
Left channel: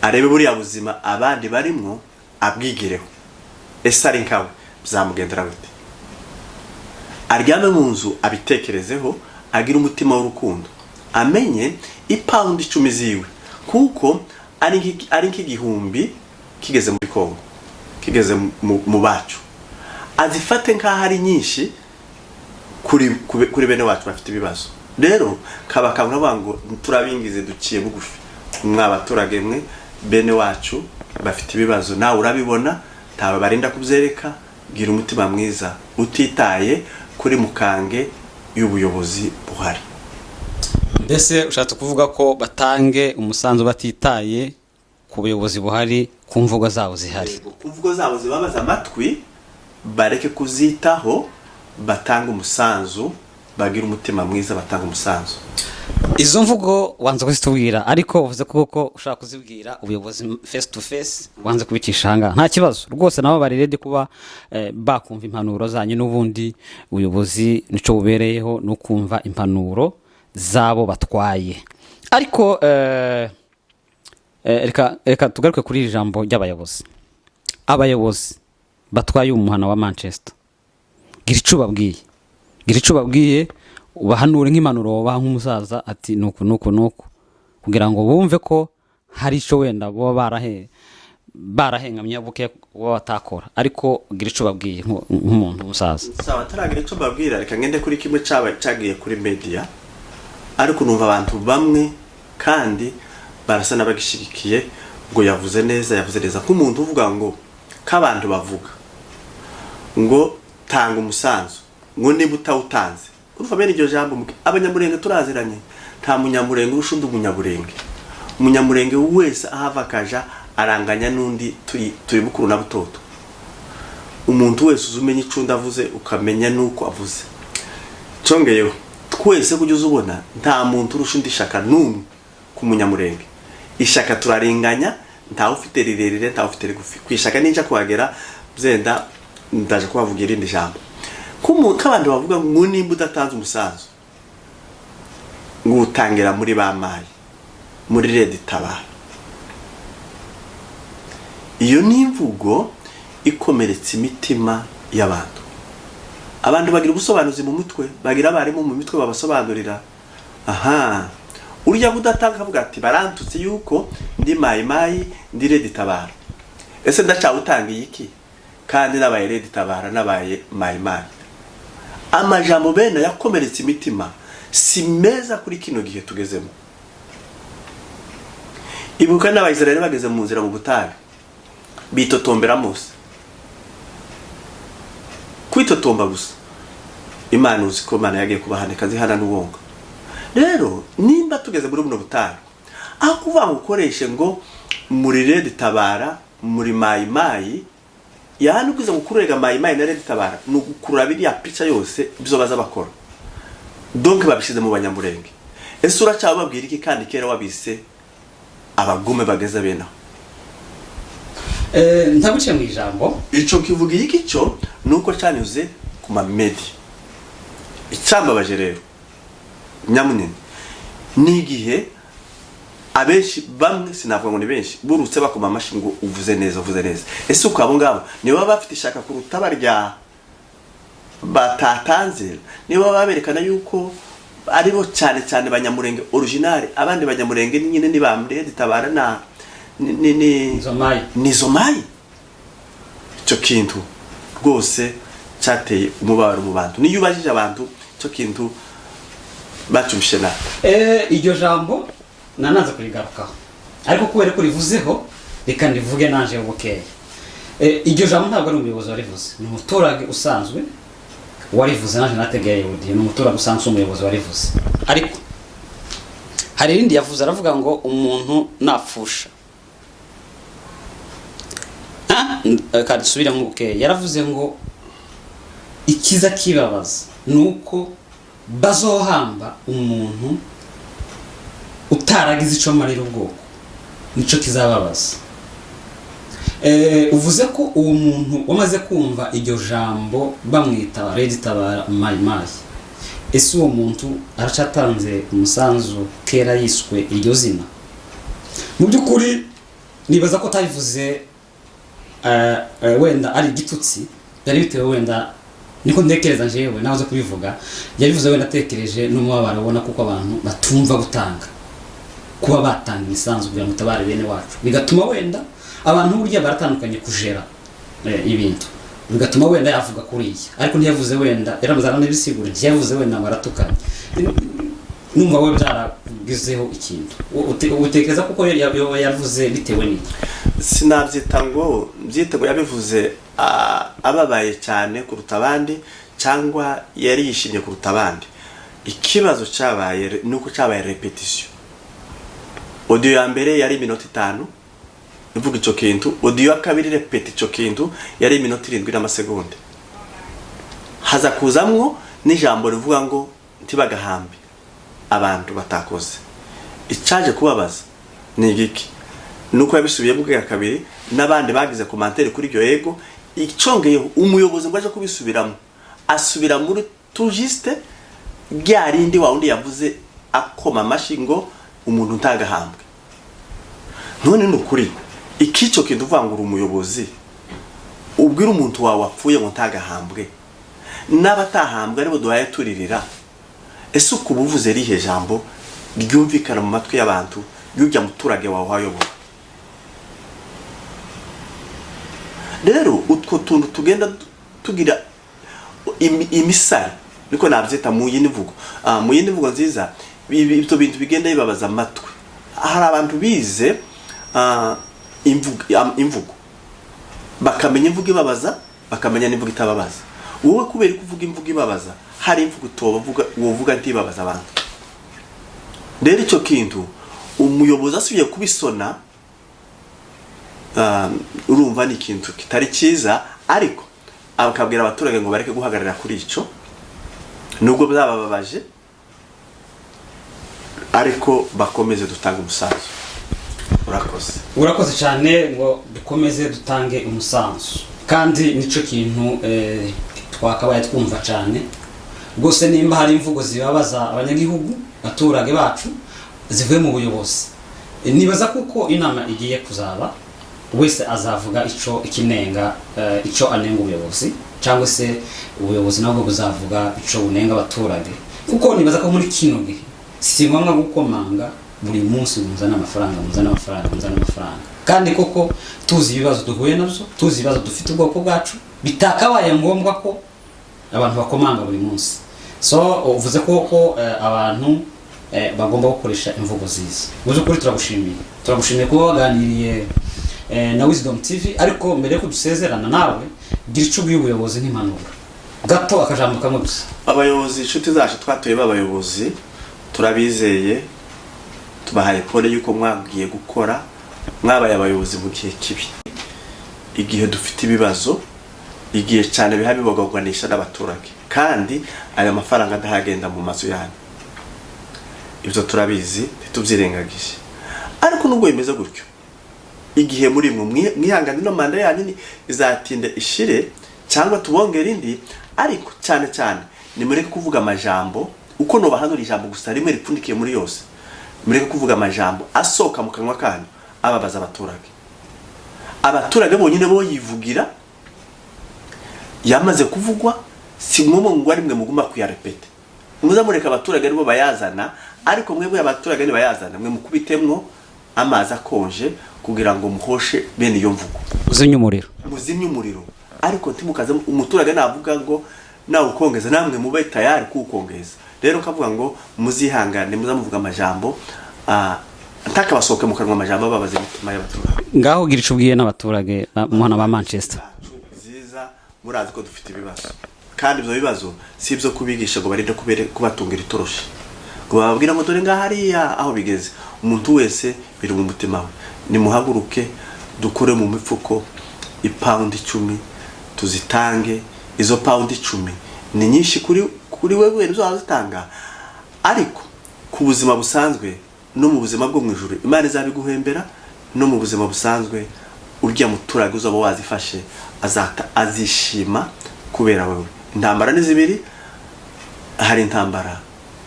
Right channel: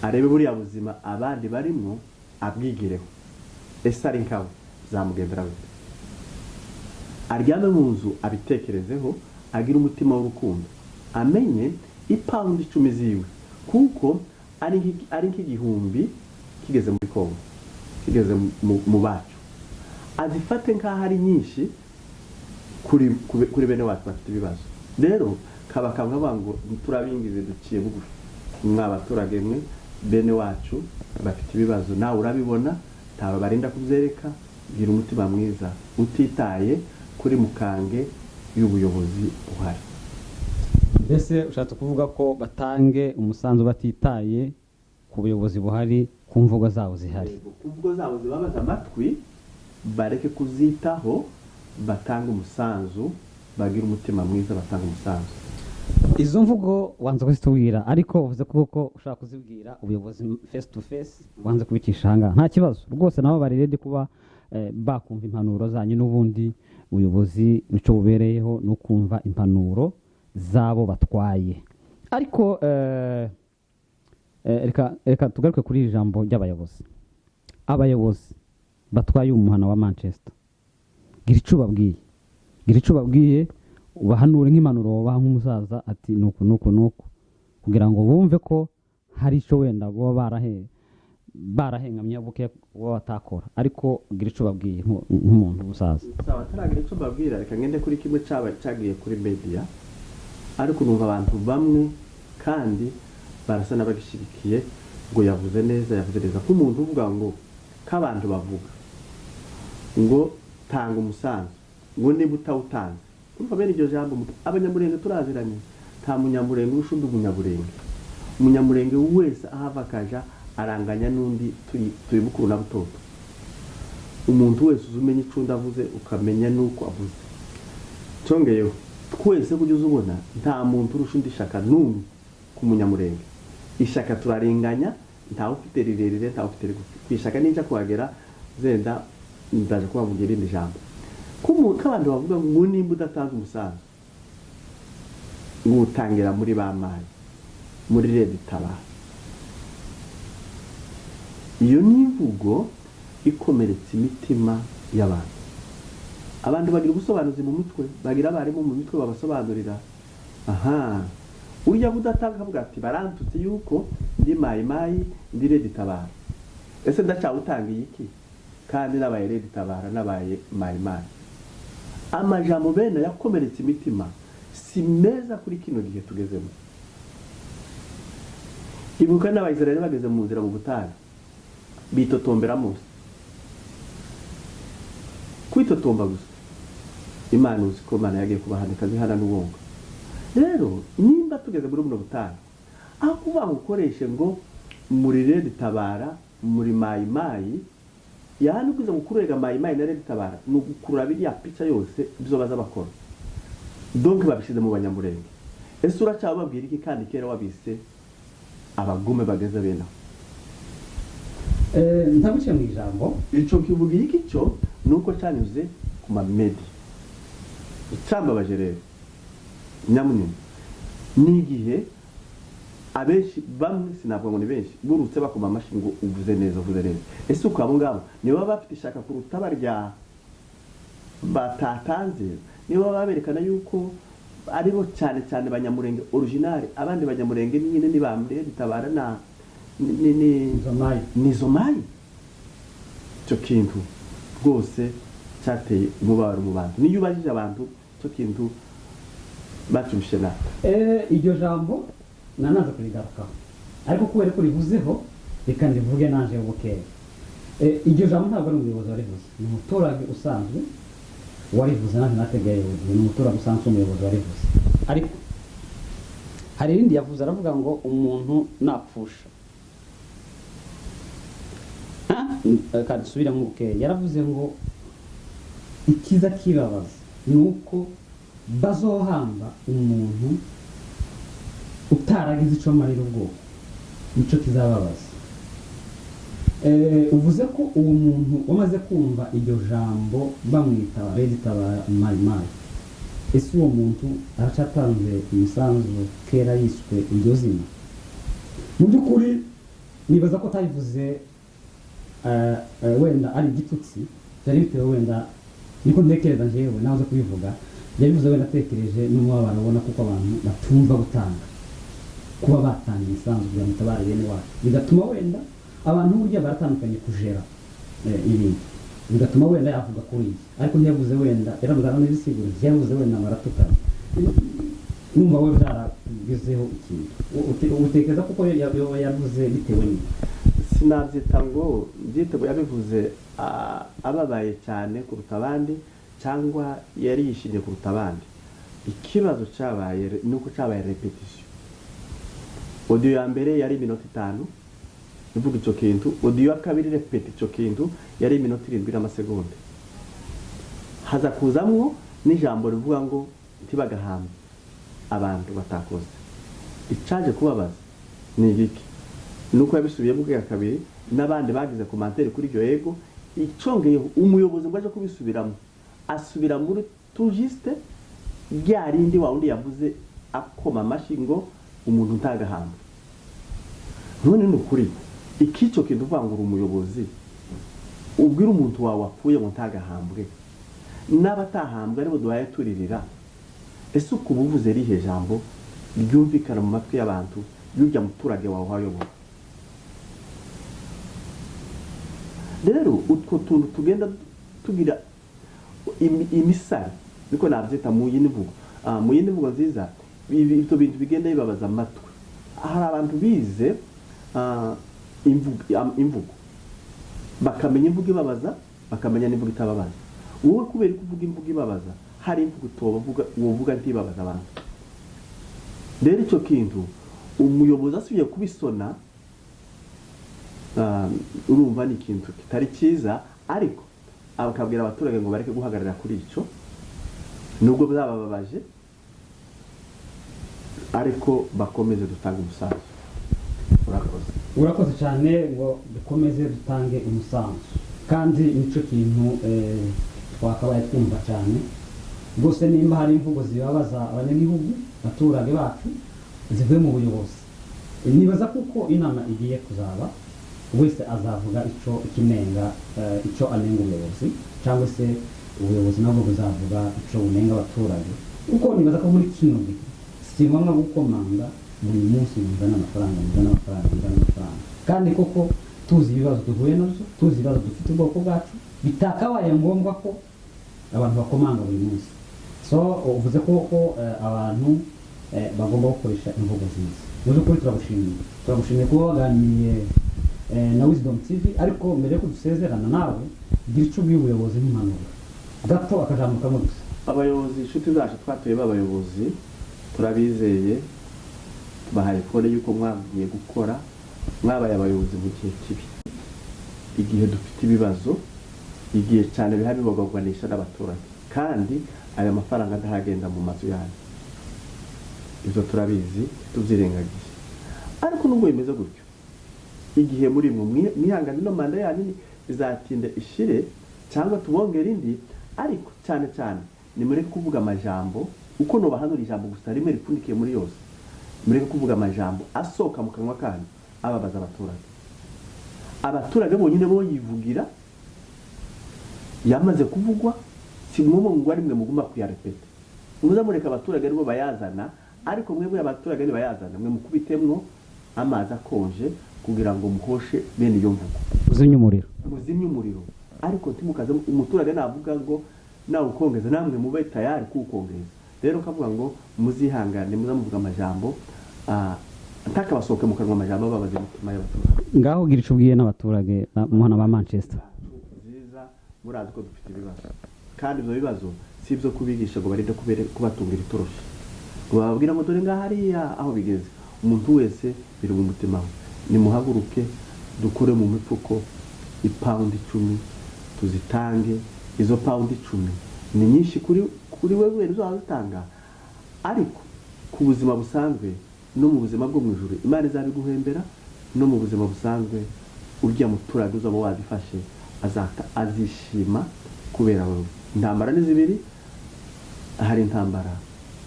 arebe buriya buzima abandi barimo abwigireho ese ari nkawe byamugendera gute aryame mu nzu abitekerezeho agira umutima w'urukundo amenye ipound 10 ziwe kuko ari nk'igihumbi kigeze muri Kongo kigeze mu bacu azifate nkaho ari nyinshi kuri bene wacu bafite ibibazo rero kabakabura bango turabingize duciye bugufi mwabaturage mwe bene wacu bafite ibibazo nawe urabibona tawe barinda kubyereka gira umutima mwiza utitaye kuri mukange y'ubuyobozi buhari mbese ushatse kuvuga ko batange umusanzu batitaye ku buyobozi buhari ku mvugo zabo zihari ku mvugo zabo zibabaza amatwi bareke kuzitaho batanga umusanzu bagira umutima mwiza batanga umusanzu izo mvugo wanze kuzitubwira ariko uvuze kuko ushaka kuzibwira ubuyobozi face to face wanze kubikisha hanga nta kibazo rwose nabo bari ready kuba bakumva impanuro zanyu n'ubundi ubuyobozi nico bubereyeho no kumva impanuro zabo batwaye ariko reka tugaruke kuri ijambo ry'abayobozi abayobozi batwaye umuhana wa Manchester gira ico babwiye ubahanure nk'impanuro baha nk'umusaza ati nuko kugira ngo bumve ko hari ico wenda bo barahengamye buke batakora ariko gira ico babwiye nk'umuntu umusaza sawa taragira ico babwira reka ngende kuri kimwe cagiye kuri media ariko numva abantu bamwe kandi barasa n'abagishigikiye ngo yavuze neza nk'umuntu uvuga ngo k'abantu bavuga ngo tanga umusanzu ngo niba utawutanze urumva bene iryo jambo abanyamurenge turaziranye nta munyamurenge urushundi umunyamurenge wese ahava kaja aranganya n'undi turi bukuru na butoto umuntu wese uzumenya icunda avuze ukamenya nuko avuze congeyeho twese kujya ubona nta muntu urushundi shaka n'umwe ku munyamurenge ishaka turarenganya ntawe ufite rirerire ntawe ufite rigufi kwishaka ninja kuhagera byenda ndaje kubavugira irindi jambo k'abantu bavuga ngo nimba udatanze umusanzu ngo utangira muri bamaye muri Red Tabara iyo ni imvugo ikomeretsa imitima y'abantu abantu bagira ubusobanuzi mu mutwe bagira abarimu mu mitwe babasobanurira aha urya kudatanga avuga ati barantutse yuko ndi mayimayi ndi Red Tabara. Ese ndacawutangiye iki kandi nabaye Red Tabara nabaye mayimayi? Amajambo bene yakomeretse imitima si meza kuri kino gihe tugezemo. Ibuka n'Abayisiraheli bageze mu nzira mu butayu bitotombera Mose. Kwitotomba gusa Imana uzi ko Imana yagiye kubahanika zihana n'ubonga. Rero nimba tugeze muri buno butayu aho kuvuga ngo ukoreshe ngo muri Red Tabara muri mayimayi, yani ukiza gukurega mayimayi na Red Tabara no gukurura biriya pica yose bizo baza bakora. Donc babishize mu Banyamurenge. Ese uracyababwira iki kandi kera wabise abagume bageza bena? Ntabuciye mu ijambo ico kivuga iki cyo nuko cyanyuze ku mamedi. Icambabaje rero nyamunini ni igihe abenshi bamwe sinavuga ngo ni benshi burutse bakoma amashi ngo uvuze neza. Ese uko abo ngabo niba bafite ishaka kuruta barya batatanze, niba baberekana yuko aribo cyane Banyamurenge original, abandi Banyamurenge nyine ni bamre Red Tabara na ni Zomayi. Cyo kintu rwose cyateye umubabaro mu bantu. Niyo ubajije abantu cyo kintu batumshe na iryo jambo nanaza kurigarukaho, ariko kubera ko rivuzeho reka ndivuge nanje ubukeye. Iryo jambo ntabwo ari umuyobozi warivuze, ni umuturage usanzwe warivuze. Nanje nategeye Yehudi ni umuturage usanzwe umuyobozi warivuze. Ariko hari irindi yavuze, aravuga ngo umuntu napfusha kandi subira mu bukeye. Yaravuze ngo ikiza kibabaza nuko bazohamba umuntu utaragize ico marira ubwoko, nico kizababaza. Uvuze ko uwo muntu wamaze kumva iryo jambo bamwita Red Tabara mayimayi, ese uwo muntu aracatanze umusanzu kera yiswe iryo zina? Mu byukuri nibaza ko tayivuze wenda ari igitutsi, yari bitewe wenda niko ndekereza njewe nahoze kubivuga, yarivuze wenda atekereje n'umubabaro abona kuko abantu batumva gutanga, kuba batanga imisanzu kugira ngo tabare bene wacu, bigatuma wenda abantu burya baratandukanye kujera ibintu, bigatuma wenda yavuga kuri iki. Ariko ntiyavuze wenda yaramuzana n'ibisigura, ntiyavuze wenda baratukanye. Numva we byaragizeho ikintu utekereza kuko yavuze bitewe n'iki? Sinabyita ngo byitego yabivuze ababaye cyane kuruta abandi cyangwa yari yishimye kuruta abandi. Ikibazo cyabaye nuko cyabaye repetition. Audio ya mbere yari minota 5 uvuga ico kintu, audio ya kabiri repeti ico kintu yari minota 7 n'amasegonda. Haza kuzamwo n'ijambo rivuga ngo ntibagahambe abantu batakoze. Icaje kubabaza ni igiki nuko yabisubiye bwa kabiri n'abandi bagize commentaire kuri iryo yego. Icongeyeho umuyobozi ngo aje kubisubiramo, asubira muri tujiste byarindi wa undi yavuze akoma amashi ngo umuntu ntagahambwe. None nukuri ikico kintu vangura umuyobozi ubwira umuntu wawe wapfuye ngo ntagahambwe n'abatahambwe aribo duhaye turirira. Ese uko buvuze rihe jambo ryumvikana mu matwi y'abantu y'ujya muturage wawe hayobora? Rero utwo tuntu tugenda tugira imisari niko nabyita mu yindi mvugo nziza. Ibyo bintu bigenda bibabaza amatwi. Hari abantu bize imvugo bakamenya imvugo ibabaza, bakamenya n'imvugo itababaza. Wowe kubera kuvuga imvugo ibabaza, hari imvugo utobavuga wovuga ntibabaza abantu. Rero icyo kintu umuyobozi asubiye kubisona, urumva ni ikintu kitari cyiza, ariko abakabwira abaturage ngo bareke guhagarara kuri ico nubwo byabababaje, ariko bakomeze dutanga umusanzu. Urakoze cyane ngo dukomeze dutange umusanzu, kandi nico kintu twakabaye twumva cyane gose. Nimba hari imvugo zibabaza abanyagihugu baturage bacu zivuye mu buyobozi, nibaza kuko inama igiye kuzaba wese azavuga ico ikinenga, ico anenga ubuyobozi, cyangwa se ubuyobozi nabwo buzavuga ico bunenga abaturage. Kuko nibaza ko muri kino gihe si ngombwa gukomanga buri munsi muzana amafaranga kandi koko tuzi ibibazo duhuye nabyo, tuzi ibibazo dufite ubwoko bwacu, bitakabaye ngombwa ko abantu bakomanga buri munsi. So uvuze ko abantu bagomba gukoresha imvugo ziza. Muze kuri turagushimiye kuba waganiriye na Wisdom TV, ariko mbere ko dusezerana nawe gira ico ubuyobozi n'impanuro gato akajambo kamwe gusa. Abayobozi inshuti zacu twatuye b'abayobozi turabizeye, tubahaye pole yuko mwagiye gukora, mwabaye abayobozi mu gihe kibi, igihe dufite ibibazo, igihe cyane biha bibogorwanisha n'abaturage, kandi aya mafaranga ndahagenda mu mazu yanyu. Ibyo turabizi ntitubyirengagije, ariko nubwo bimeze gutyo, igihe muri mwihangane no manda yanyu izatinda ishire cyangwa tubongera indi, ariko cyane nimureke kuvuga amajambo uko no bahanura ijambo gusa rimwe ripfundikiye muri yose. Mureke kuvuga amajambo asoka mu kanwa kanyu ababaza abaturage bonyine bo yivugira yamaze kuvugwa, si ngombwa ngo ari mwe muguma kuyarepete. Muzamureka abaturage aribo bayazana, ariko mwebwe abaturage ni bayazana, mwe mukubitemwo amazi akonje kugira ngo muhoshe bene iyo mvugo. Muzimye umuriro, ariko ntimukaze umuturage navuga ngo nawe ukongeza namwe mube tayari kukongeza. Rero kavuga ngo muzihangane, muzamuvuga amajambo ntakabasoke mu kanwa amajambo babaze imitima y'abaturage. Ngaho gira ico ubwiye n'abaturage muhana ba Manchester. Ziza murazi ko dufite ibibazo, kandi ibyo bibazo si ibyo kubigisha ngo barinde kubatungira itoroshi, ngo bababwira ngo dore ngahariya aho bigeze. Umuntu wese biri mu mutima we, nimuhaguruke dukore mu mifuko ipaundi 10 tuzitange. Izo paundi 10 ni nyinshi kuri wewe uzazitanga, ariko ku buzima busanzwe no mu buzima bwo mwijuru Imana izabiguhembera. No mu buzima busanzwe urya muturage uzaba wazifashe azishima kubera wewe. Intambara ni zibiri, hari intambara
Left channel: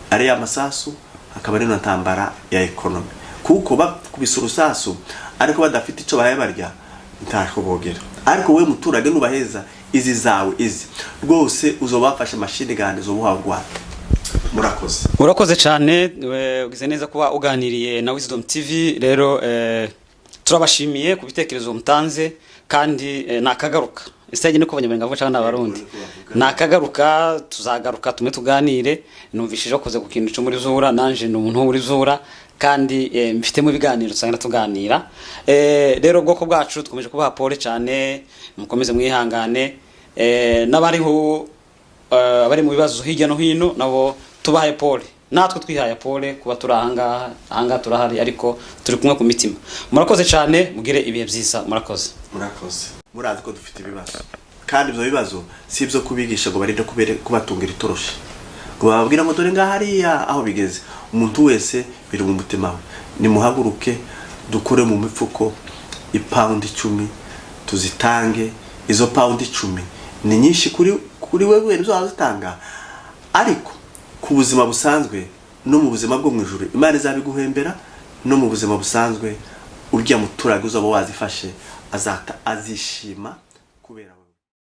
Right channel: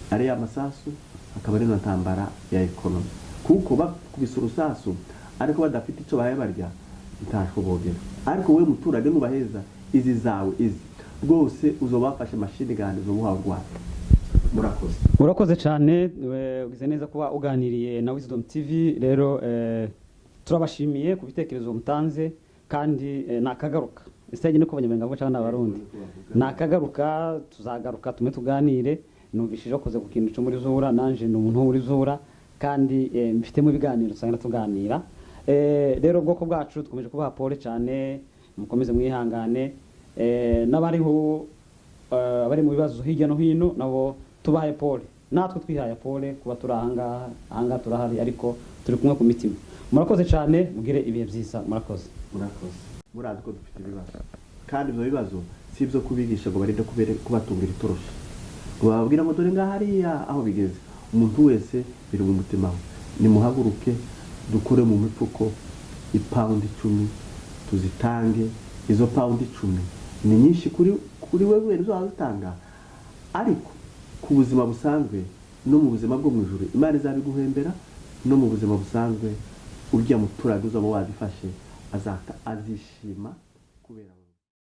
ari y'amasasu, hakaba ari intambara ya economy, kuko bakubise urusasu ariko badafite ico bahaye barya ntako bogera. Ariko we muturage nubaheza izi zawe izi rwose uzobafashe mashini gande zo buhagwa. Murakoze cyane, ugize neza kuba uganiriye na Wisdom TV. Rero turabashimiye ku bitekerezo mutanze, kandi nakagaruka istage niko banyamenge avuga cyangwa n'abarundi nakagaruka, tuzagaruka tume tuganire. Numvishije koze ku kintu cyo muri zura, nanje ni umuntu uri zura, kandi mfite mu biganiro usanga tuganira. Rero bwoko bwacu dukomeje kubaha pole cyane, mukomeze mwihangane. N'abariho abari mu bibazo hirya no hino nabo tubahaye pole, natwe twihaye pole kuba turi ahangaha turahari, ariko turi kumwe ku mitima. Murakoze cyane, mugire ibihe byiza. Murakoze. Murazi ko dufite ibibazo, kandi ibyo bibazo si ibyo kubigisha ngo barinde kubatungira itoroshi, ngo bababwira ngo dore ngahariya aho bigeze. Umuntu wese biri mu mutima we, nimuhaguruke dukore mu mifuko ipaundi 10 tuzitange. Izo paundi 10 ni nyinshi kuri wewe uzazitanga, ariko ku buzima busanzwe no mu buzima bwo mwijuru Imana izabiguhembera. No mu buzima busanzwe urya muturage uzaba wazifashe azishima kubera